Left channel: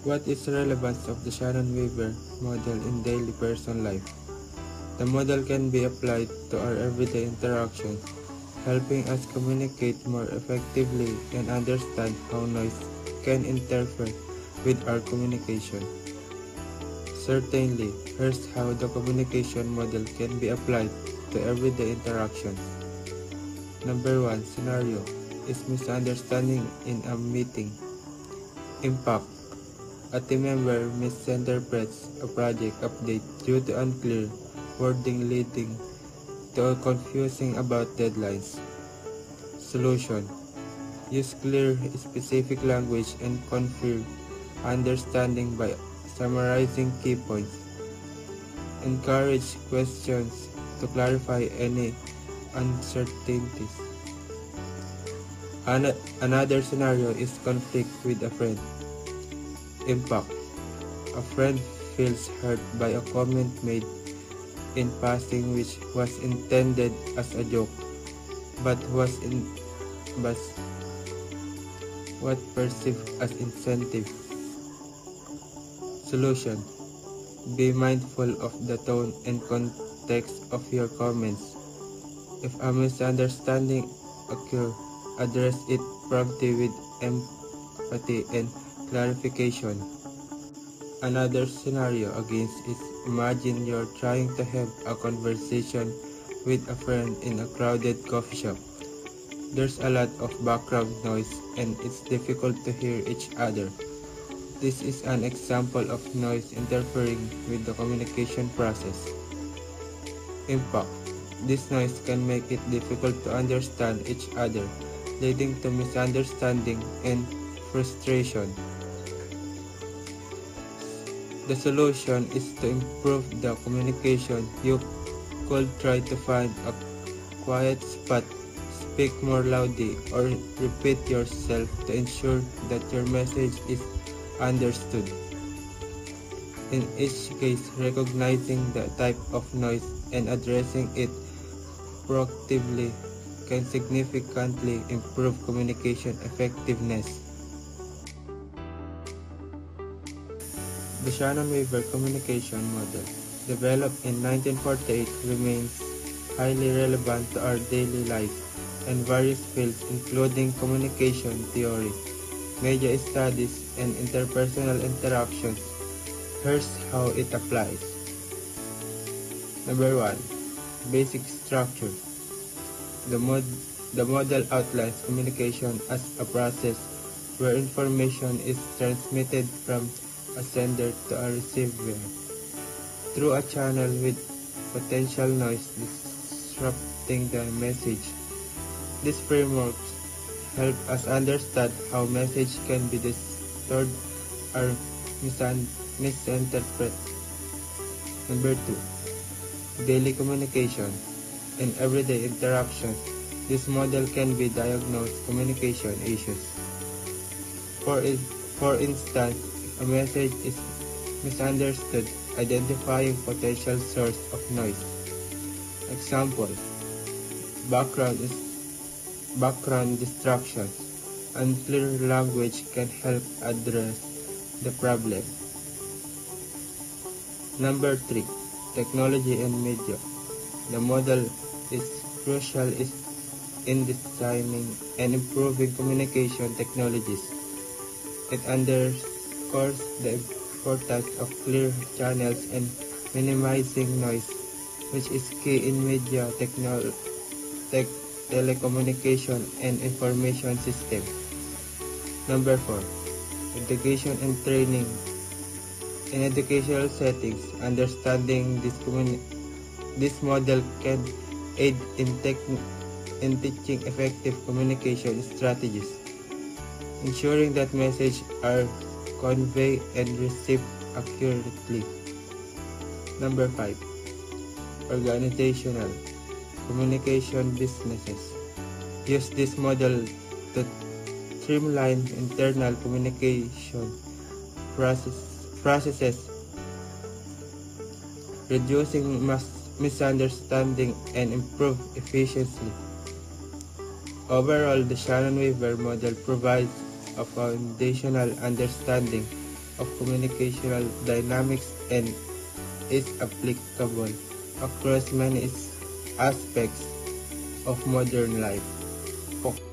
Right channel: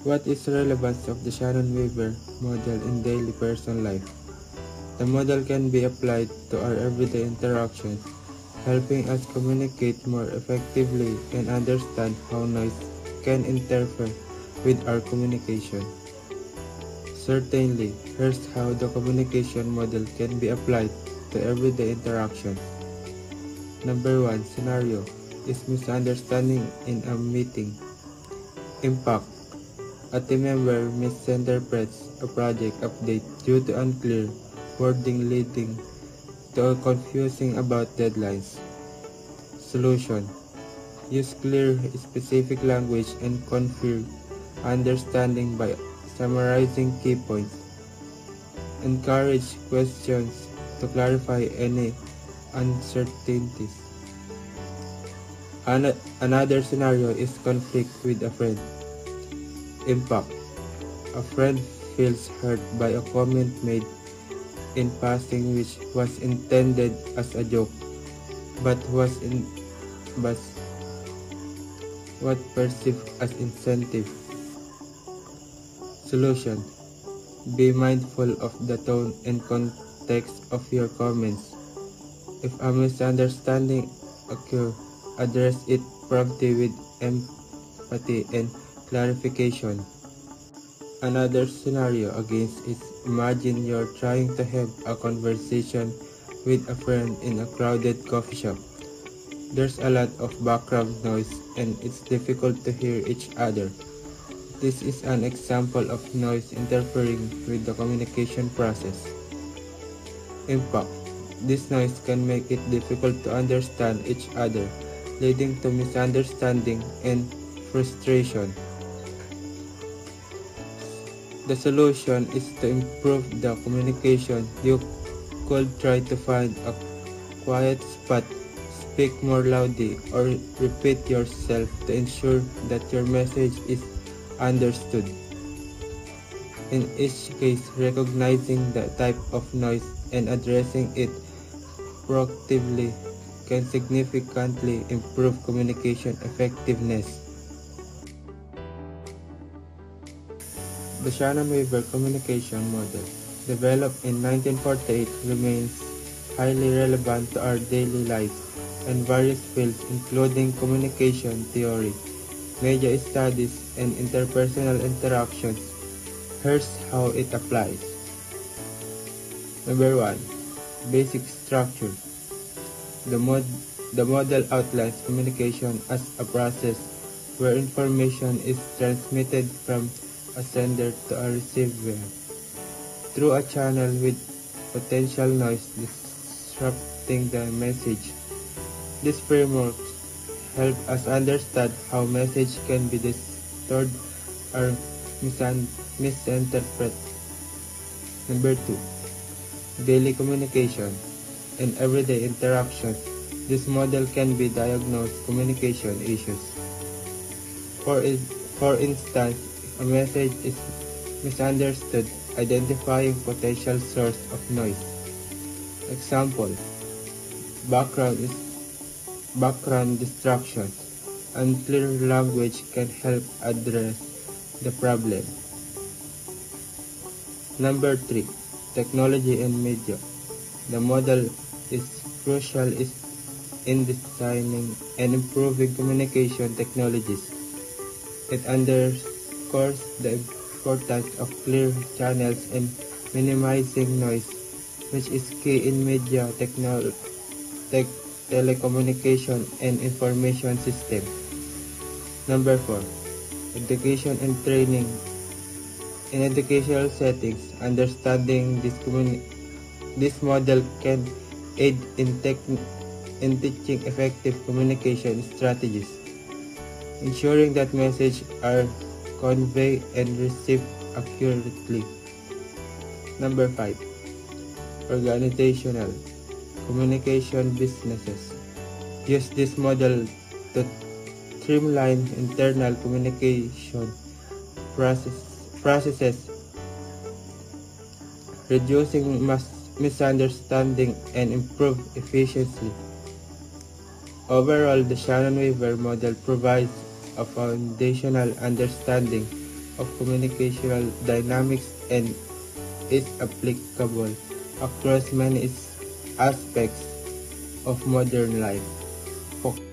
What is the relevance of the Shannon-Weaver model in daily person life? The model can be applied to our everyday interactions, helping us communicate more effectively and understand how noise can interfere with our communication. Certainly, here's how the communication model can be applied to everyday interactions. Number 1 scenario is misunderstanding in a meeting. Impact: a team member misinterprets a project update due to unclear wording leading to a confusing about deadlines. Solution: use clear, specific language and confer understanding by summarizing key points. Encourage questions to clarify any uncertainties. Another scenario is conflict with a friend. Impact: a friend feels hurt by a comment made in passing which was intended as a joke, but was perceived as insensitive. Solution: be mindful of the tone and context of your comments. If a misunderstanding occurs, address it promptly with empathy and clarification. Another scenario against is imagine you're trying to have a conversation with a friend in a crowded coffee shop. There's a lot of background noise and it's difficult to hear each other. This is an example of noise interfering with the communication process. Impact: this noise can make it difficult to understand each other, leading to misunderstanding and frustration. The solution is to improve the communication. You could try to find a quiet spot, speak more loudly, or repeat yourself to ensure that your message is understood. In each case, recognizing the type of noise and addressing it proactively can significantly improve communication effectiveness. The Shannon-Weaver communication model, developed in 1948, remains highly relevant to our daily life and various fields including communication theory, media studies, and interpersonal interactions. Here's how it applies. Number 1. Basic structure. The model outlines communication as a process where information is transmitted from a sender to a receiver through a channel with potential noise disrupting the message. This framework help us understand how message can be distorted or misinterpreted. Number 2. Daily communication and everyday interactions. This model can be diagnosed communication issues. For instance, if a message is misunderstood, identifying potential source of noise. Example: background distraction. Unclear language can help address the problem. Number 3. Technology and media. The model is crucial in designing and improving communication technologies. It underscores the importance of clear channels and minimizing noise, which is key in media telecommunication and information system. Number 4. Education and training. In educational settings, understanding this model can aid in teaching effective communication strategies, ensuring that messages are conveyed and received accurately. Number 5. Organizational communication businesses. Use this model to streamline internal communication processes, reducing misunderstanding and improve efficiency. Overall, the Shannon-Weaver model provides a foundational understanding of communicational dynamics and is applicable across many aspects of modern life.